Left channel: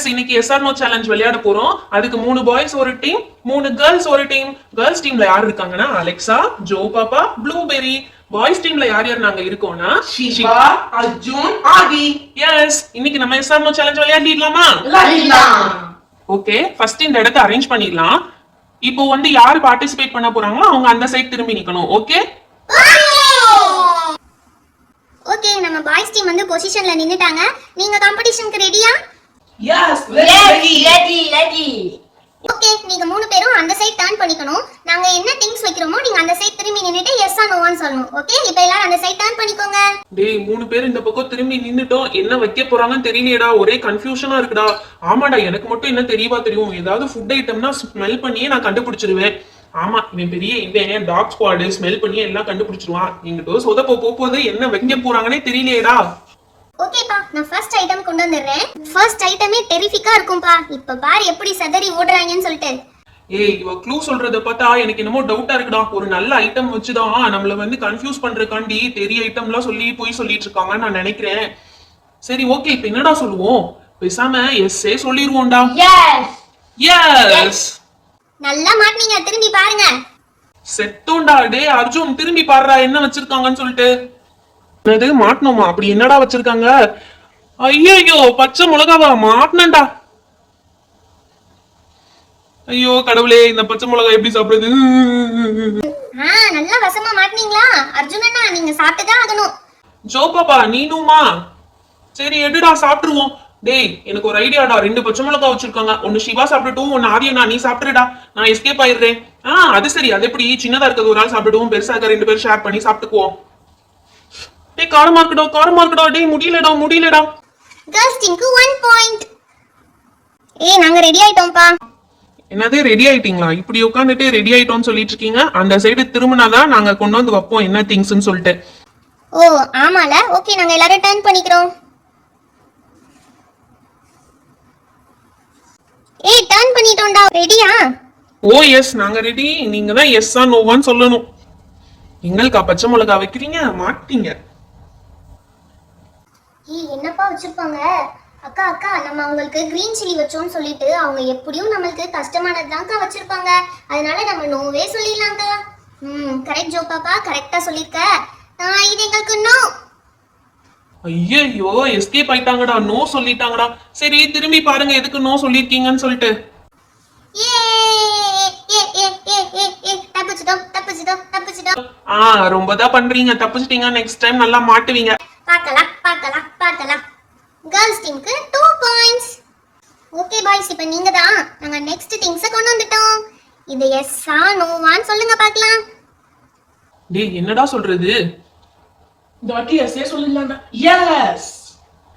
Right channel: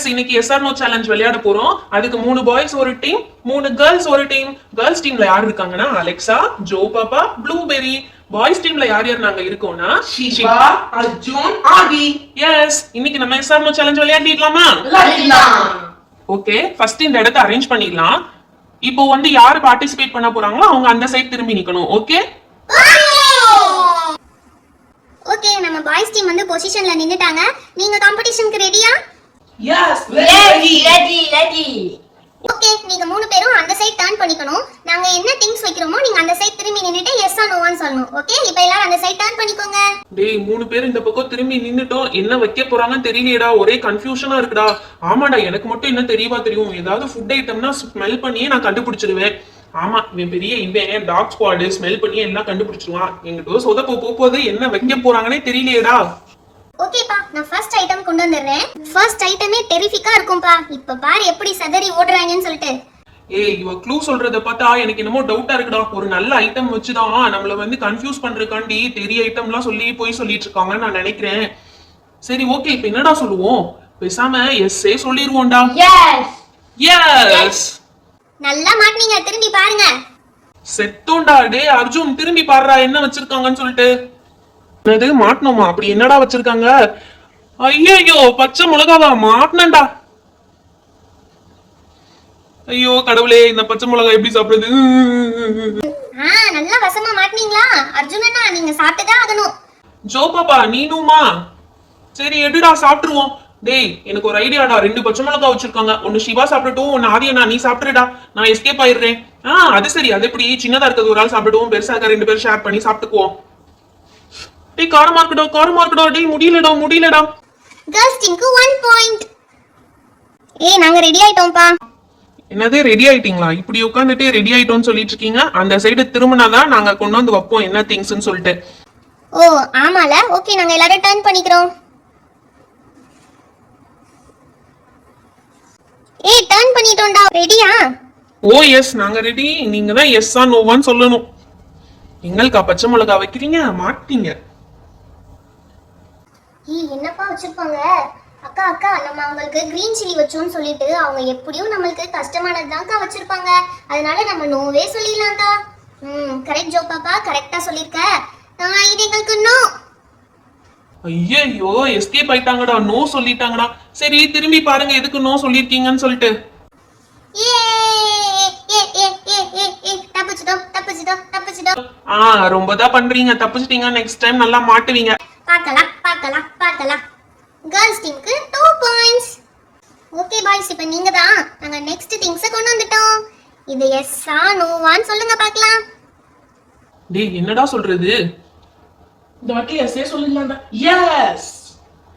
S இன்னைக்கு SR no challenge விளையாட போறோம். அதுக்கு 3 பாய்ஸ் ஒரு டீம், 3 கேர்ள்ஸ் ஒரு டீம். கேர்ள்ஸ் டீம்ல யார் இருக்காங்கன்னா அலெக்சா, ஜோ பாப்பா, ப்ளூபெரி. பாய்ஸ் டீம்ல யார் யார் நாங்க இருக்கோம்னா ஷிபா, அர்ஜுன், ஆதி. எஸ் இன்னைக்கு நம்ம எஸ்ஆர் நோ சேலஞ்ச் விளையாடிடலாமா? விளையாடலாம். ஓகே, ஃபர்ஸ்ட் இந்த இடத்தை அரேஞ்ச் பண்ணிடலாம். இப்போ வந்து யார் பார்ட்டிசிபேட் பண்ண போறாங்களோ அவங்க அந்த சைடு திரும்பி நிக்கணும். ஓகே ஓகே, நம்ம பாய்ஸ் டீம் வந்து பொசிஷன்ல நின்னுட்டாங்க. நீங்க காம்படிஷனுக்கு ரெடியா? S, ready. ஓகே, நீங்க 3 பேரும் அந்த சைடு டர்ன் பண்ணிக்கணும். நாங்க என்ன திங்ஸ் வைக்கிறோமோ நீங்க அந்த சைடு திரும்பி நின்னுட்டு எஸ் ஆர் நோவான்னு சொல்லணும். ஓகே, இப்போ எல்லாரும் அந்த சைடு டர்ன் பண்ணிக்கோங்க. டேய் 3 பேர் இந்த பக்கம் திரும்பி நின்னுட்டோம். என்ன வைக்க போறாங்கன்னு தெரியலையேடா, ஒரே கன்ஃபியூஷனா இருக்குடா. ஆமாடா, எனக்கு மட்டும் என்ன தெரியவா தெரியும், ஏதாவது ஃபுட் ஐட்டம்னா ஸ்மெல் பண்ணியே நான் கண்டுபிடிச்சிருவேன். ஆமா, இவன் பெரிய இவன் டாக் ஸ்குவாட் ஸ்மெல் பண்ணியே எல்லாம் கண்டுபிடிச்சிருவான். எங்கிட்ட சொதப்ப போகுது, என்ன வைக்க போறாங்கன்னே தெரியலையேடா. ஓகேப்பா, நான் ஃபர்ஸ்ட் ஐட்டம் கொண்டு வந்துடுறேன். ஃபர்ஸ்ட் ஐட்டமே டெரிஃபிக்கா இருக்கும்பா. இப்ப பாரு எப்படி சதறி ஓடுறாங்கன்னு சொல்லிட்டு. ஏய், இவ க்ளூ சொல்றத பார்த்தா எனக்கு என்னமோ டவுட்டா இருக்குடா. ஒரு நல்ல ஐட்டம் வச்சுதான் நம்மள வந்து கன்ஃபியூஸ் பண்றதுக்காண்டி பெரிய ஐட்டம்லாம் சொல்லி போய் சொல்லிட்டு இருக்காங்கன்னு நான் நினைக்கிறேன். சரி ஓகே, இப்ப என்னடா சொல்லுவோம்? பேசாம எஸ்ஸே சொல்லிடுவோம்டா. எஸ் நல்லா மாட்டீங்க, திரும்பி பாருங்க. செத்தோண்டா. டே அர்ஜுன், திரும்பி பாடுறா என்ன வச்சிருக்காங்கன்னு சொல்லிட்டு. அது மாட்டணுமா? அப்படி என்னடா வச்சிருக்காங்க? ஐயோ, பச்சை மிளகாவா? மாட்டினண்டா. ஐயோ கடவுளே, இந்த பச்சை மிளகா எப்படி சாப்பிடுறது? நல்லா வசமா மாட்டீங்களா? அர்ஜுனண்ணா, நீங்க சாப்பிட்டுதான் ஆகணும். ஜோ பாப்பா நீனுமா? சரி எடுடா சாப்பிட்டுருவோம். டேய் எனக்கு ஒரு ஐடியாடா. 2 பச்சை மிளகா வச்சிருக்காங்க. ஒன்னு சிவா சாப்பிட்டுட்டும், ஒன்னு ஆதியனா நீ சாப்பிட்டுடா. நான் எஸ்கேப் ஆயிடுறேன். அது சரி. அது எப்படி சின்னதா இருக்கிறது ஒரு ஆள் சாப்பிடுவோம், பெருசா இருக்க 2 பேர் ஷேர் பண்ணி சாப்பிட்டுக்குவோம். டேய் காரமா இருக்குடா. டேய் முடியலடா. கேர்ள்ஸ் டீமுக்கு 1 பாயிண்ட். ஏய் நாங்க ரெடி ஆயிட்டோம்ப்பா. என்னது ரெடி ஆயிட்டீங்களா? இப்படி உட்காந்துட்டே ரெடி ஆயிட்டோம்னு சொல்லிட்டு இருக்கீங்க. அந்த சைடு திரும்பினாதான் நாங்க கொண்டு வந்து வைப்போம் என்ன திங்ஸ்ன்னு சொல்லிட்டு. ஓ ஆமால. ஓகே, நாங்க எல்லாரும் டர்ன் பண்ணிக்கிறோம். ஏய் டர்ன் பண்ணிட்டோம்டா. ரெடியா? ஓ எஸ், நாங்க ரெடி. நீங்க தான் எஸ்ஸா நோவான்னு சொல்லணும். எங்களுக்கா பச்சை மிளகா வைக்கிறீங்க? மாட்டீங்க. ஏய் என்னப்பா வச்சிருப்பாங்க? அக்கா நம்ம அவங்களுக்கு கிரீன் சில்லி வச்சோம்னு சொல்லிட்டு அவங்க எப்படியும் நம்மளுக்கு கஷ்டமானதுதான்க்கா வச்சிருப்பாங்க. அதனால நம்ம நோவே சொல்லிடலாம்க்கா. கரெக்ட் ஜோ பாப்பா, கரெக்டா சொல்லிருக்க. இது எங்களுக்கு நோ. ஐயோ எஸ்கேப் ஆயிட்டாங்கடா. நோ சொல்லிட்டாங்கடா. சரி திரும்பி பாருங்க எதுக்கு நோ சொல்லிருக்கீங்கன்னு சொல்லிட்டு. ரொம்ப தான் பண்றீங்க. தப்பிச்சிட்டீங்க. நெக்ஸ்ட் டைம் நல்லா மாட்டுவீங்க. பார்க்கலாம். கேர்ள்ஸ் டீமுக்கு 2 பாயிண்ட்ஸ். ஓகே பாய்ஸ், இப்போ நீங்க தான். நாங்க நெக்ஸ்ட் திங்ஸ் கொண்டு வந்துட்டோம். இது எஸ்ஸா நோவான்னு சொல்லுங்க பார்க்கலாம். டேய் என்னடா சொல்றது? இந்த வாட்டி எஸ்ஸே சொல்லிடலாம்டா. எஸ்.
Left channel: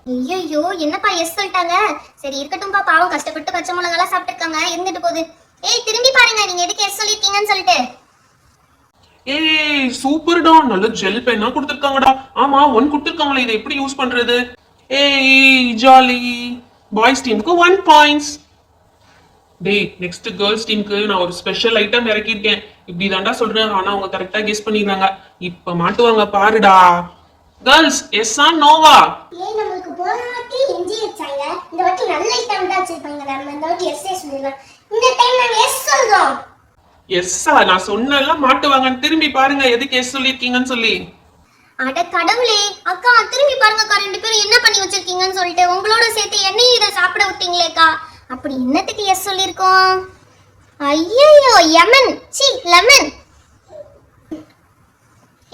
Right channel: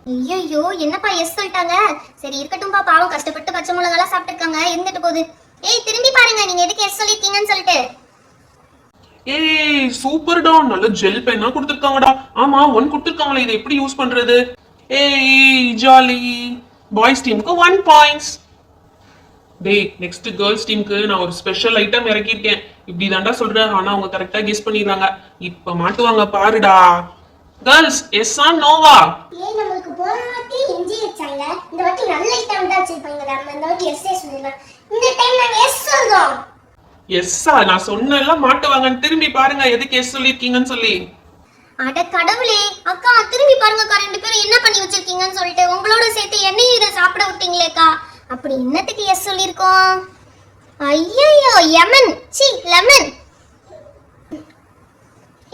ஐயோ என்னப்பா எஸ் சொல்லிட்டாங்க. சரி இருக்கட்டும்பா, பாவம் கஷ்டப்பட்டு பச்சை மிளகாலாம் சாப்பிட்டுருக்காங்க, இருந்துட்டு போகுது. ஏய் திரும்பி பாருங்க நீங்க எதுக்கு எஸ் சொல்லிருக்கீங்கன்னு சொல்லிட்டு. ஏய் சூப்பர்டா, நல்ல ஜெல் பென்னா கொடுத்திருக்காங்கடா. ஆமா 1 கொடுத்திருக்காங்களே, இதை எப்படி யூஸ் பண்றது? ஏய் ஜாலி. பாய்ஸ் டீமுக்கு 1 பாயிண்ட்ஸ். டேய் நெக்ஸ்ட் கேர்ள்ஸ் டீமுக்கு நான் ஒரு ஸ்பெஷல் ஐட்டம் இறக்கிருக்கேன். இப்படி தாண்டா சொல்றேன், ஆனா அவங்க கரெக்டா கெஸ் பண்ணிடுறாங்க. இப்ப மாட்டுவாங்க பாருடா. கேர்ள்ஸ் எஸ்ஸா நோவா? ஏய் நமக்கு போன வாட்டி எஞ்சி வச்சாங்க. இந்த வாட்டி நல்ல ஐட்டம் தான் வச்சிருப்பாங்க. நம்ம இந்த வாட்டி எஸ் சொல்லிடலாம். இந்த டைம் நாங்க எஸ் சொல்றோம். எஸ்ஸா? நான் சொன்னேன்ல மாட்டுவாங்கன்னு. திரும்பி பாருங்க எதுக்கு எஸ் சொல்லிருக்கீங்கன்னு சொல்லி. அட கடவுளே, அக்கா திரும்பி பாருங்கக்கா, 2 பேரும் என்ன பண்ணி வச்சிருக்கீங்கன்னு சொல்லிட்டு. உங்களோட சேர்த்து என்னையும் இதை சாப்பிட விட்டீங்களேக்கா. அப்படி என்னத்துக்கு எஸ் சொல்லிருக்கோம்? ஐயோ லெமன்.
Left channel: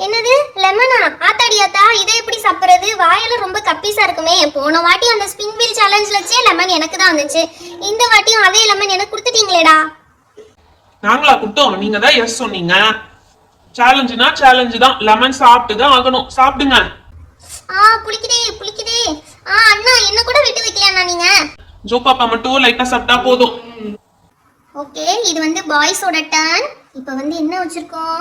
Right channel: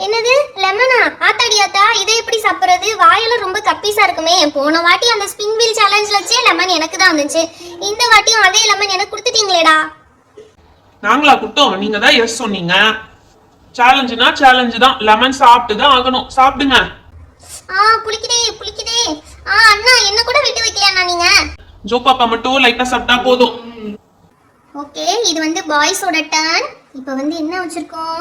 என்னது லெமனா? ஆத்தாடியாத்தா, இதை எப்படி சாப்பிடுறது? வாயில ரொம்ப கப்பீஸா இருக்குமே. போன வாட்டி அந்த ஸ்பின் வீல் சேலஞ்ச்ல வச்சே லெமன் எனக்கு தான் வந்துச்சு. இந்த வாட்டியும் அதே லெமன் எனக்கு கொடுத்துட்டீங்களேடா. நாங்களா குட்டோம்? நீங்க தான் எஸ் சொன்னீங்க. சேலஞ்சுனா சேலஞ்சு தான். லெமன் சாப்பிட்டு தான் ஆகணும். சாப்பிடுங்க. புளிக்குதே. அண்ணா என்ன கூட விட்டு வைக்கலையா நீங்க? ஜோ பாப்பா மட்டும் லைட்டா சாப்பிட்டா போதும். ஓகே, இது வந்து பாய்ஸோட டர்ன். இப்போ வந்து என்ன வச்சிருக்கோம்?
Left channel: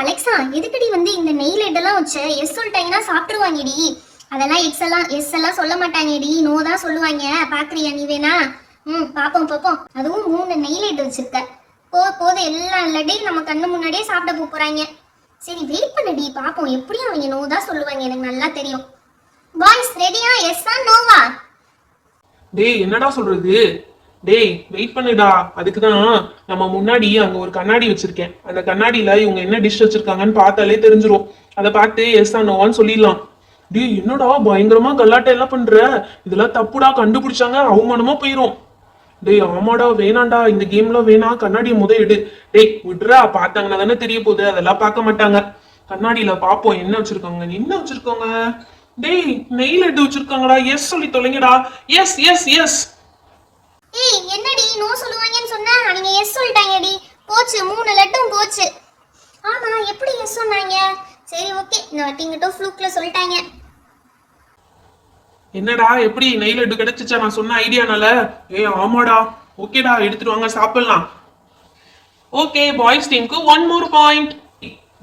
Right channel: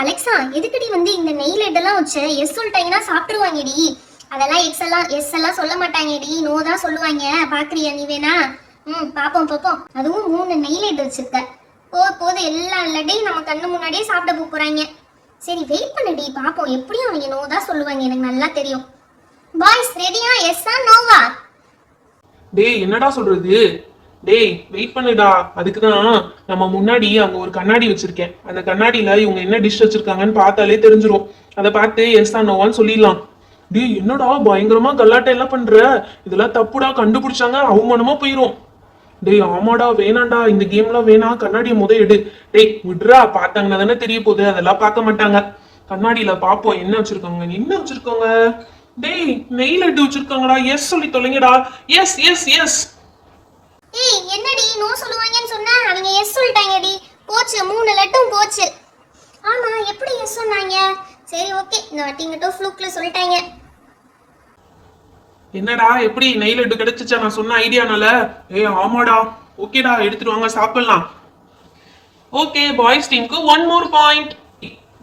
அலெக்சா, எதுக்குடி வந்து இந்த நெய் லெட்டெல்லாம் வச்ச? எஸ் சொல்லிட்டாங்கன்னா சாப்பிட்டுருவாங்கடி. அதெல்லாம் எஸ் எல்லாம் சொல்ல மாட்டாங்கடி, நோ தான் சொல்லுவாங்க. பாக்குறியா நீ வேணா? பாப்போம். அதுவும் 3 நெய் லெட் வச்சிருக்க. போது எல்லா லட்டையும் நம்ம கண்ணு முன்னாடியே சாப்பிட போறாங்க. சரி வெயிட் பண்ணுடி, பாப்போம். எப்படியும் அவங்க நோ தான் சொல்லுவாங்க, எனக்கு நல்லா தெரியும். பாய்ஸ் ரெடியா? எஸ்ஸா நோவா? டேய் என்னடா சொல்றது? டேய் வெயிட் பண்ணுடா. அதுக்குதான் நம்ம முன்னாடி அங்க ஒரு கண்ணாடி வச்சிருக்கேன். அந்த கண்ணாடியில இவங்க என்ன டிஷ் வச்சிருக்காங்கன்னு பார்த்தாலே தெரிஞ்சிரும். அதை பார்த்து எஸ் ஆர் நோவான்னு சொல்லிடலாம். டேய் என்னடா பயங்கரமா கல்லாட்டை எல்லாம் பண்ற? இதெல்லாம் தப்புடா, கண்டுபிடிச்சாங்க அவமானமா போயிரும். டேய் ஆமாடா வேணாண்டா, இந்த கேம்லாம் வேணாம், கண்ணாடியை எடு. டேய் விட்றா, பார்த்தாங்கன்னா தானே தெரிய போகுது, அதெல்லாம் பார்க்க மாட்டாங்க. கண்ணாடியில பாப்போம் என்ன வச்சிருக்காங்க. என்ன வச்சிருக்காங்க? டேய் நெய் லட்டு வச்சிருக்காங்கடா. எஸ் சொல்லி தொலைங்கடா. S yes yes. ஏய் என்னடி நோ சொல்லுவாங்கன்னு சொன்னா அவங்க எஸ் சொல்லிட்டாங்கடி. போச்சு 3 லட்டும் போச்சு. ஆமா எப்படி எஸ் சொன்னாங்க? சரி ஓகே, இந்த வாட்டி மட்டும் ஃப்ளூக்ல சொல்லிட்டாங்க. என்னடா எப்படி நெய் லட்டு கிடைச்சிச்சா நான் சொன்ன ஐடியானால? ஆமாடா. ஓகேடா எடுத்துட்டு வாங்க சாப்பிடலாம். ஓகே பாய்ஸ் டீமுக்கு 1 more பாயிண்ட்.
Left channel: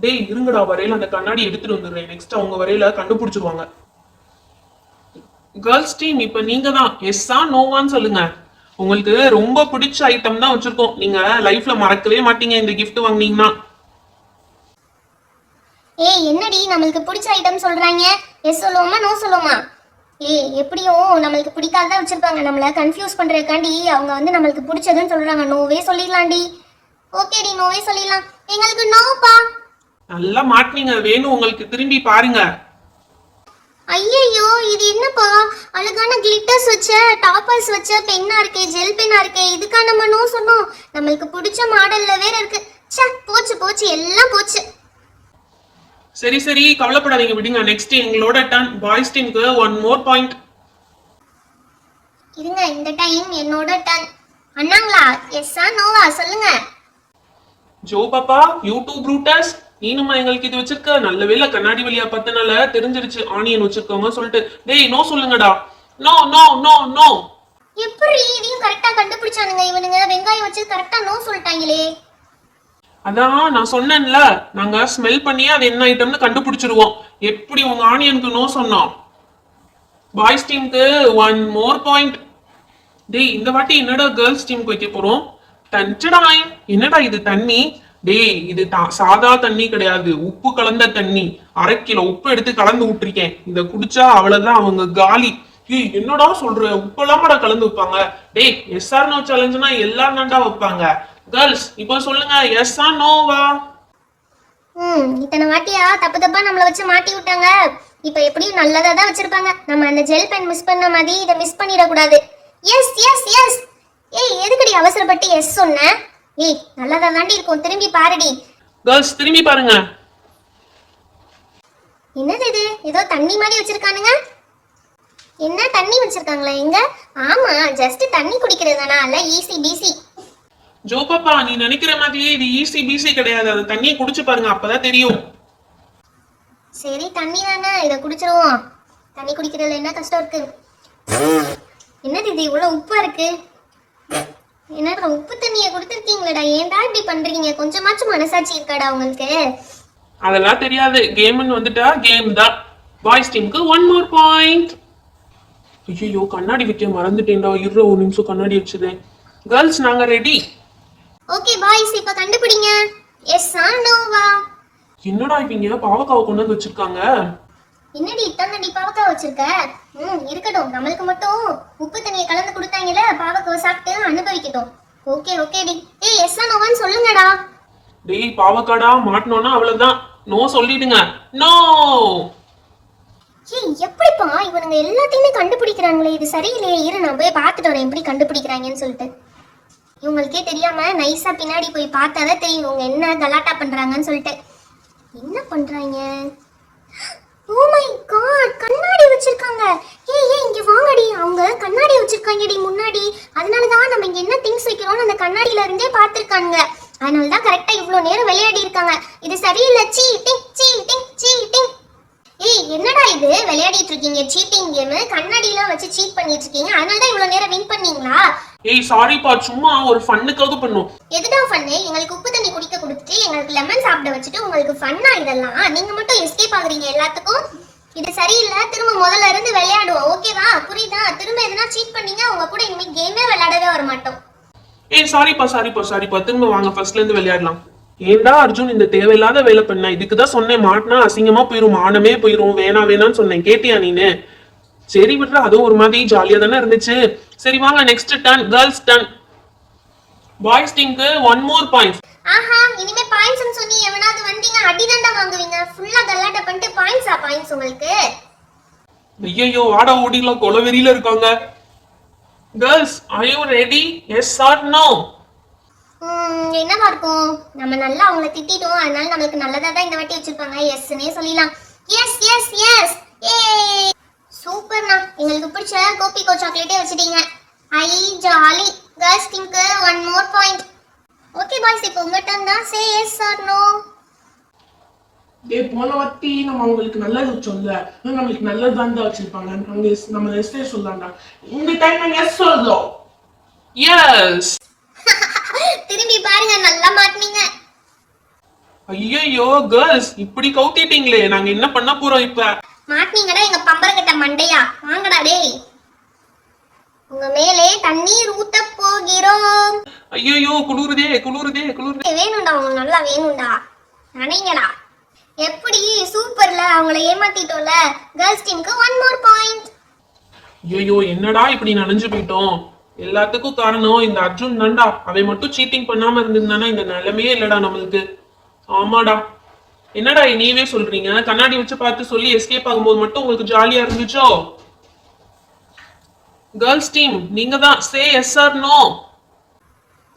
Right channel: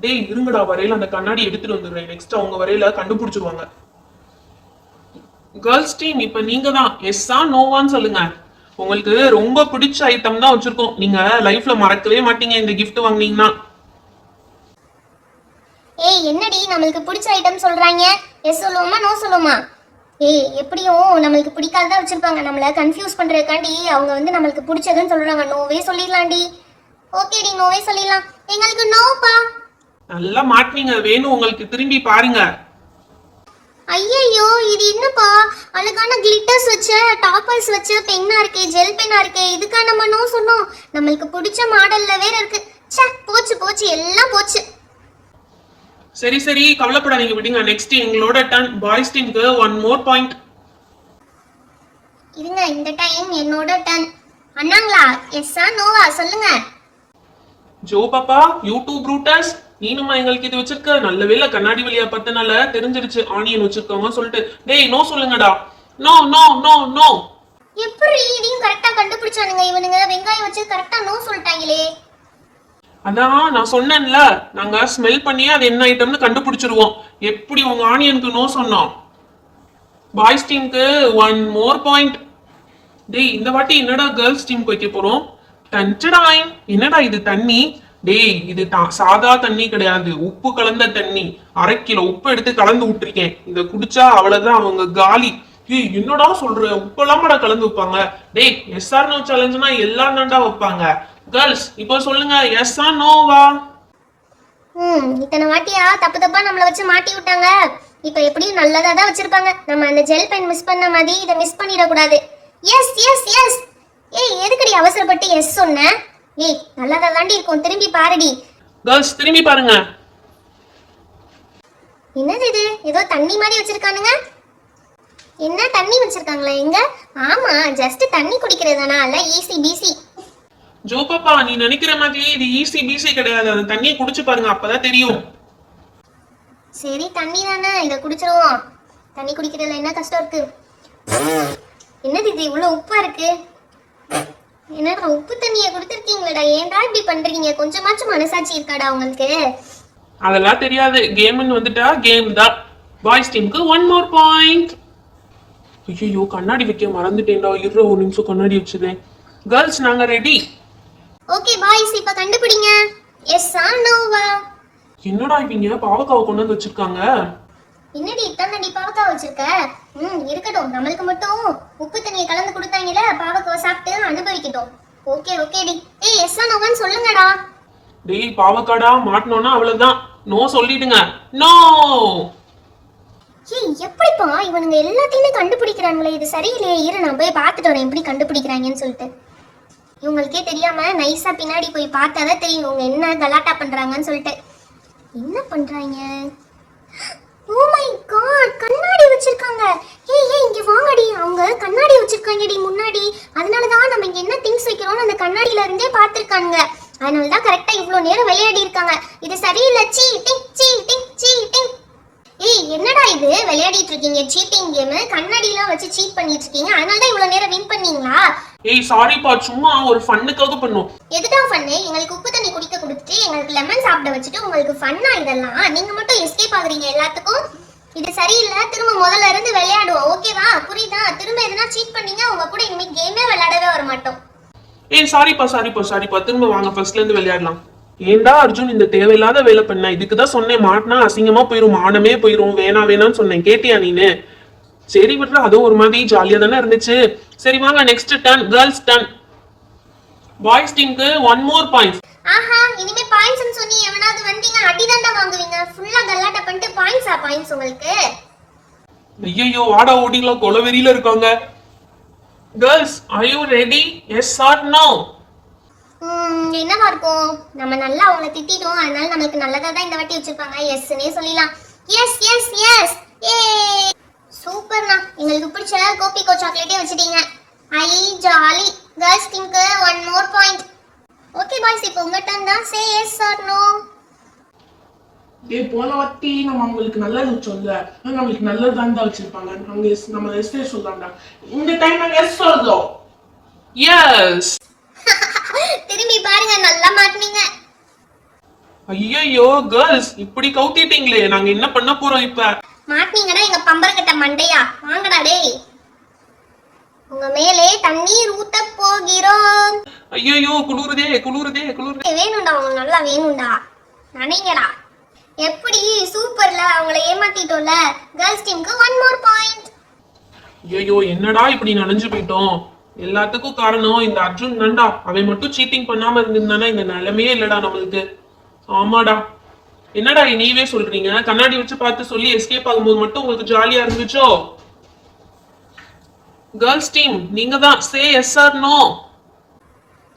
டேய் இருங்கடா, வரையில அந்த கண்ணாடி எடுத்துட்டு வந்துடுறேன். நெக்ஸ்ட் அவங்க வரையில கண்டுபிடிச்சிருவாங்க. கேர்ள்ஸ் டீம் இப்ப நீங்க தான் எஸ்ஸா நோவான்னு சொல்லுங்க. உங்களுக்கு ரொம்ப பிடிச்ச ஐட்டம் தான் வச்சிருக்கோம். நீங்க லைஃப்ல மறக்கவே மாட்டீங்க இந்த கிஃப்ட் வாங்குனீங்கன்னா. ஏய் என்னடி நம்மளுக்கு பிடிச்ச ஐட்டம் சொல்றாங்க? எஸ் சொல்லுவோமா நோ சொல்லுவோமா? ஏய் எப்படியும் நம்மளுக்கு பிடிக்காததான் வச்சிருப்பாங்க. நம்மள கன்ஃபியூஸ் பண்றதுக்காண்டி அவங்க வந்து நம்மளுக்கு பிடிச்சதுன்னு சொல்றாங்க. நோவே சொல்லிடலாம்டி. ஓகேடி நோவே சொல்லிடலாம். எங்களுக்கு நோப்பா. நல்லா மாட்டினீங்க. வேணும் உங்களுக்கு, திரும்பி பாருங்க. ஐயோ இது என்னப்பா? அழகான கிளிட்டர்ஸ் வச்ச டாப்பர்ஸ் வச்ச பென்னா இருக்கு, ஜெல் பென்னா இருக்கு. இதுக்கா நம்ம நோ சொன்னோம்? நம்மளுக்கு பிடிச்ச மாடல்ல வேற இருக்கு. ச்சே போச்சு போச்சு எல்லாம் போச்சு. சரி சரி கவலைப்படாதீங்க, விடுங்க. நெக்ஸ்ட் எங்களோட டர்ன். பாய்ஸ் டீமுக்கு 1 more பாயிண்ட். இருங்க இந்த டைம் என்னோட டர்ன். அண்ணாங்களா எஸ்ஸா நோவா சொல்லுங்க. ஜோ பாப்பா யூடியூப் ப்ரூட்டஸ், நீனுமா எங்களுக்கு இது வச்சிருக்க? நல்ல வேளை கண்ணாடி வழியா பார்த்தனால தெரிஞ்சிருச்சு ஆனியன் வச்சிருக்காங்க சொல்லிட்டு. டேய் நோ சொல்லுங்கடா. No no no no. எப்படி இதையும் கரெக்டா கண்டுபிடிச்சானுங்க இவனுங்க? வெங்காயம் வச்சு கரெக்டா நோ சொல்லிட்டாங்களே. அதான் நான் சொன்னேன்ல, நாங்க ஸ்மெல் பண்ணி அது என்ன ஐட்டம்னு கண்டுபிடிச்சிருவோம். எப்படி உங்க ஆனியனுக்கு நோ சொன்னோம்? பாய்ஸ் டீமுக்கு 1 more பாயிண்ட். டேய் இந்த வாட்டி என்னடா கேர்ள்ஸ் டீமுக்கு வைக்க போறோம்? டன்டடாய். என்னடா இது தண்ணி? டேய் இது சாதா தண்ணி கிடையாது, உப்பு கலந்த தண்ணி. 1/2 கிலோ உப்பு எடுத்து கலந்து விட்டுருக்கேன். இத குடிச்சா அவ்வளவுதான் அவங்க காலி. ஏய் என்னடா சொல்ற? உப்பெல்லாம் கூட கலந்து வைப்பாங்க? டேய் எஸ் ஆர் நோ சேலஞ்சுனா எல்லாம் தான்டா வைப்பாங்க. கேர்ள்ஸ் இப்போ சொல்லுங்க, எஸ் ஆர் நோவா? இத்தனை வாட்டியா தப்பு தப்பா நம்மள வச்சு மாட்டி விட்டாங்க. இப்ப எப்படியும் நல்லதா தான் வச்சிருப்பாங்க. நம்ம அந்த ஜெல் பென் மிஸ் பண்ண மாதிரி இதை மிஸ் பண்ணிட கூடாது. Yes yes yes. ஏய் எதுக்கடி அவசரப்பட்டு எஸ் சொன்ன? ஏய் நல்லதா தாண்டி இருக்கும், திரும்பி பாருடி. கேர்ள்ஸ் திரும்பி பாருங்க. என்னது இது? ஏதோ தண்ணி மாதிரி வச்சிருக்கானுங்க. என்ன தண்ணி வச்சிருக்காங்களா எங்க? ஆமா ஜஸ்ட் தண்ணி குடிக்கிறதுதானா? அல்ல ஈஸி பிசி. ஜோ பாப்பா நீ நினைக்கிற மாதிரியே இது ஈஸி பிசி கிடையாது. அந்த தண்ணியை குடிச்சு பாருங்க, அப்பதான் தெரியும். சரி தண்ணி தானே, இதை குடிச்சிருவோம். தண்ணி குடிக்கிறதுல என்ன கஷ்டம் இருக்கு? என்னது இது இவ்வளவு உப்பா இருக்கு? என்னடா உப்பு தண்ணியை கொடுத்துருக்கீங்களடா? ஏன்டா இப்படி பண்றீங்க? கொஞ்சமாச்சும் மனசாட்சி இருக்காடா உங்களுக்கு? அதெல்லாம் தெரியாது, கேம்னு வந்துட்டா கேம் தான். பாய்ஸ் டீமுக்கு 1 more பாயிண்ட். ஐயோ கண்ணாடி வைக்க மறந்துட்டேன்டா. இருற ஒரு நிமிஷம் கண்ணாடி வச்சதே. கேர்ள்ஸ் நாங்க ரெடி. ஓகே பாய்ஸ் இப்ப கண்டுபிடிங்க. எஸ் ஆர் நோவா? என்னடா இவங்க பாவக்காவை கொண்டு வந்து வச்சிருக்காங்க? என்னடி இத்தனை பாவக்காய் வச்சிருக்க? இருக்கட்டும், நம்மளுக்கு மட்டும் உப்பு தண்ணியை கலந்து கொடுத்தாங்கல, பாவக்காய் சாப்பிட்டு அனுபவிக்கட்டும். ஓகே ஓகேடி. ஏய் எஸ் ஆர் நோவான்னு சொல்லுங்கடா. டேய் பாவக்காடா மாட்டணும்னா அவ்வளவுதான். நோ சொல்லிடுங்க. நோ. ஏய் எப்படிப்பா இவனுங்க எல்லாத்தையுமே கண்டுபிடிக்கிறாங்களே? இது சரியில்லையே. இரு நான் போய் பார்த்துட்டு வரேன் எப்படி கண்டுபிடிக்கிறாங்கன்னு சொல்லிட்டு. இவங்களுக்கே தெரியாம நைஸா பின்னாடி போய் பார்த்தாதான் தெரியும் இவங்க என்ன கலாட்டா பண்றாங்கன்னு சொல்லிட்டு. என்ன பண்றாங்க? ஓ மை காட், கண்ணாடி வச்சிருக்காங்க. ஏய் இங்க வாங்கடி. அவங்க கண்ணாடி வச்சிருக்காங்கடி முன்னாடி. அதனாலதான் நம்ம இங்க என்ன திங்ஸ் வைக்கிறோம்னு அந்த கண்ணாடியில இருந்தே பார்த்திருக்காங்க. அதனாலதான் கரெக்டா இவ்வளவு நேரம் விளையாடி இருக்காங்க. இது சரியில்லை. Cheating cheating cheating. ஏய் என்னடா இது விளையாடிட்டு இருக்கீங்க? சீட்டிங் கேம் கண்ணாடிலாம் வச்சு சீட் பண்ணிட்டு இருக்கீங்க. அதனாலதான் இவ்வளவு நேரம் வின் பண்ணீங்களா? ஏய் சாரிப்பா, சும்மா ஒரு ஃபன்னுக்காக பண்ணோம். எதுடா ஃபன்னு? எங்களுக்கு உப்பு தண்ணி குடிக்க கொடுத்துட்டு எங்களுக்கு லெமன் சாப்பிட வச்சுட்டு உங்களுக்கு ஃபன்னா இதெல்லாம்? நீங்க மட்டும் எஸ்கேப் ஆகுறீங்க எல்லாத்துக்கும். இது சரியில்லை. திரும்ப முதல்ல இருந்து விளையாடுவோம், ஓகேவா? புரியுதா? திரும்ப எதுனா சீட் பண்ணீங்க உங்க கூட இனிமே கேமே விளையாடவே வர மாட்டோம். ஏய் சாரிப்பா, திரும்ப வாங்க ஃபர்ஸ்ட்ல இருந்து விளையாடலாம். ஏண்டா அர்ஜுன் இந்த தேவையில்லாத வேலை பண்ண? இதுக்குதான் சொன்னேன், மாட்டினா அசிங்கமா போயிரும், மானமே போயிரும், வேணான்னு சொன்னேன். கேட்டியா நீனு? சரி விட்றா, அதுவும் ஒரு மாதிரி ஜாலியா தானே இருந்துச்சு. சரி வாங்க next turn, girls turn. Boys டீமுக்கு 1 more பாயிண்ட்ஸ். ஆஹா, இனிமே பாயிண்ட்ஸ்னு சொன்னி எவனாவது வந்தீங்க அடிதாண்டா வாங்குவீங்க. ஃபுல்லா கலாட்டா பண்ணிட்டு பாயிண்ட்ஸ் உங்களுக்கு. ஐயோ, ஆடா ஓடிலாம் கொலவெறியில இருக்காங்க. Girls, are you ready? Yes or no? என்னவா இருக்கும்? நம்ம நல்லா அவங்கள திட்டிட்டோம், அதனால நமக்கு நல்லதா தான் இந்த வாட்டி வச்சிருப்பாங்க. எஸ்னே சொல்லிடலாம். எஸ் எஸ் எஸ், ஏ சூப்பர்ண்ணா, எங்களுக்கு பிடிச்ச கோபிகோ சாக்லேட்டே வச்சிட்டீங்க. ஐ ஜாலி. கேர்ள்ஸ் டீமுக்கு 1 more பாயிண்ட். ஓகே பாய்ஸ், இப்போ உங்க டர்ன் தான். Say yes R no. டேய், போன வாட்டி நம்ம அவங்களுக்கு நல்லது வச்சோம்ல, நம்மளுக்கு நல்லது தான்டா வச்சிருப்பாங்க. நம்ம எஸ்டே சொல்லாம்டா. இந்த டைம் நம்ம எஸ் சொல்றோம். எஸ். திரும்பி பாருங்க, நல்லா மாட்டீங்க. ஐயோ கேர்ள்ஸ், இப்படி கவுத்திட்டீங்களே, நாங்க என்ன பண்ண போறோம் இப்ப? மாட்டீங்கடா எங்க பம்பரக்கட்ட மண்டையா. வாங்கடா டேய், உங்க மேலே தண்ணீர் ஊத்த போகிறோம். ஐயோ, குளுருதே. வேணும்டா, உங்களுக்கு நல்லா வேணும்டா. நினைங்கடா. எப்படி சூப்பர்ல, அவங்கள ஏமாத்திட்டோம்ல. கேர்ள்ஸ் டீமுக்கு 1 more பாயிண்ட். ஐயோ, என்னடா இப்படி நனைஞ்சு போயிட்டோம். எல்லாத்துக்கும் காரணம் இந்த அர்ஜுன் தான்டா. அவன் மட்டும் சீட்டிங் பண்ணாம இருந்திருந்தானா இந்த நிலைமையே இல்லடா நம்மளுக்கு. ஆமாடா. என்னடா நீவே சொல்றீங்க? கண்ணாடி வச்சு பார்த்து சொல்லி எஸ்கேப் ஆகும்போது மட்டும் உங்களுக்கு ஜாலியா இருந்துச்சோ? கேர்ள்ஸ் டீம், நீங்க தான். Say yes R no.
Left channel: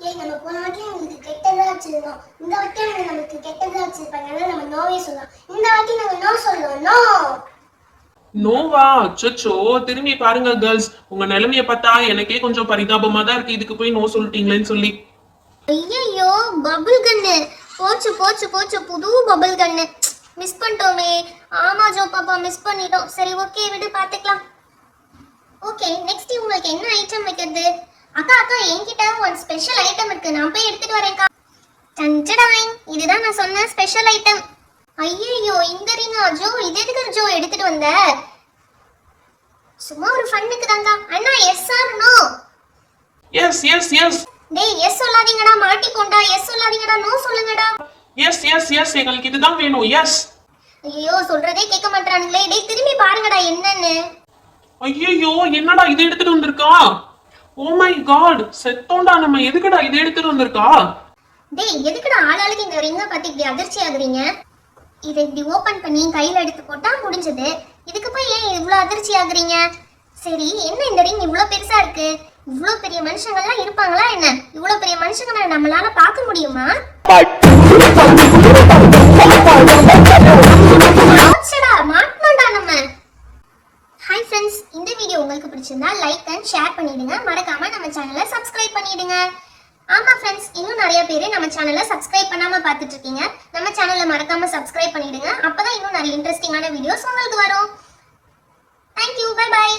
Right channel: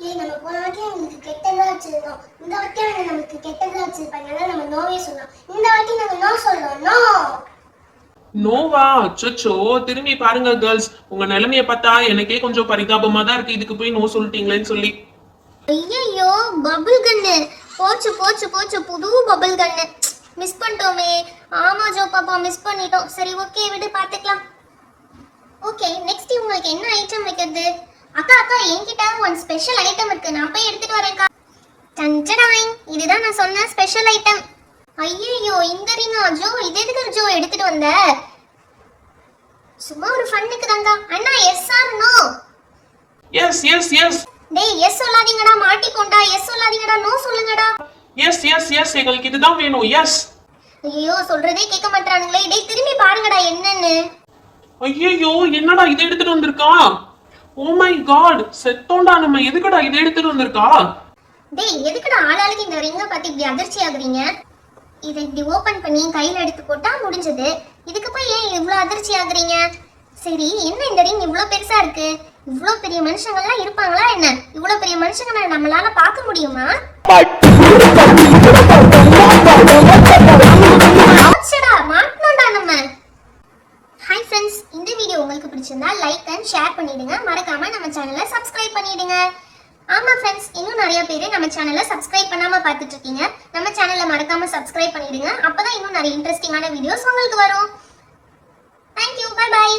நம்ம போன வாட்டி உங்களுக்கு கெட்டதா வச்சிருந்தோம், இந்த வாட்டி நமக்கு கெட்டதா வச்சிருப்பாங்க. அதனால நம்ம நோவே சொன்னோம். இந்த வாட்டி நம்ம நோ சொல்றோம். நோ. நோவா? அச்சோ, திரும்பி பாருங்க கேர்ள்ஸ், உங்க நிலைமைய பார்த்தா எனக்கே கொஞ்சம் பரிதாபமா தான் இருக்கு. இதுக்கு போய் நோ சொல்லிட்டீங்களேன்னு சொல்லி. ஐயோ, பபிள் கன்னு போச்சு போச்சு போச்சு. புது பபிள் கன்னு மிஸ் பண்ணிட்டோமே. ஆமா ஜோ பாப்பா, மிஸ் பண்ணிட்டோம். சரி ஓகே, விடு பாத்துக்கலாம். ஓகே, நெக்ஸ்ட் உங்களுக்கு என்ன ஐட்டம் வைக்கிறது? அக்கா என்கிட்ட ஒரு ஸ்பெஷல் ஐட்டம் இருக்கு, நான் போய் எடுத்துட்டு வரேன்க்கா. டன்டடாய், இதுதான் நான் சொன்ன ஸ்பெஷல் ஐட்டம். ஐயோ, இந்த ரிங்கா ஜோ? இது எதுக்கு ஜோ எடுத்துட்டு வந்த? சும்மா ஒரு ஃபன்னுக்கு தாங்க. அண்ணா yes R no? Yes yes yes. டேய், எஸ் சொல்லாதீங்கடா, மாட்டிக்கோண்டா. எஸ் சொல்லாதீங்கடா, நோ சொல்லுங்கடா. எஸ் எஸ் எஸ், எங்களுக்கு இதுதான் வேணும். எஸ். ஐயோ, சொல்றதே கேட்க மாட்டானுங்களே. டேய், திரும்பி பாருங்கடா என்னன்னு. ஐயோ, என்னடா இதை எடுத்துட்டு வந்திருக்கா? ஓ மை காட், செத்தோண்டா நம்ம. எதுக்குடா இதை எடுத்துட்டு வந்திருக்கா? டேய், எதுக்குடா ஆளாளுக்கு இந்த ரிங்க பத்தி இப்படி அதிர்ச்சி ஆகுறீங்க? இதை இப்படி ஓபன் பண்ணி கையில எடுத்து போட்டா முடிஞ்சது. இதுக்கு போய் ஏன் இவ்வளவு அதிர்ச்சி ஆகுறீங்க? சரி, என்ன இந்த ரிங் இவ்வளவு பெருசா இருக்கு? இவ்வளவு பெரிய மனுஷங்கள்லாம் இருப்பாங்களா என்ன? இவ்வளவு பெரிய மனுஷங்களை நம்மளால பார்க்க முடியுமா? மாட்டோம்டா நம்ம. ஹாய் ஃப்ரெண்ட்ஸ், இந்த வீடியோ உங்களுக்கு பிடிச்சிருந்தா லைக் அண்ட் ஷேர் பண்ணிடுங்க. மறக்காம நம்ம சேனலை சப்ஸ்கிரைப் பண்ணிடுங்க. ஆமா ஃப்ரெண்ட்ஸ், இன்னும் நிறைய பேர் நம்ம சேனலை சப்ஸ்கிரைப் பண்ணாம பார்த்துட்டு இருக்கீங்க. நம்ம சேனலை மறக்காம சப்ஸ்கிரைப் பண்ணிடுங்க. அப்பதான் இன்னும் நிறைய இன்ட்ரெஸ்டிங்கான வீடியோஸ் உங்களுக்கு வரும். Thank you, bye by.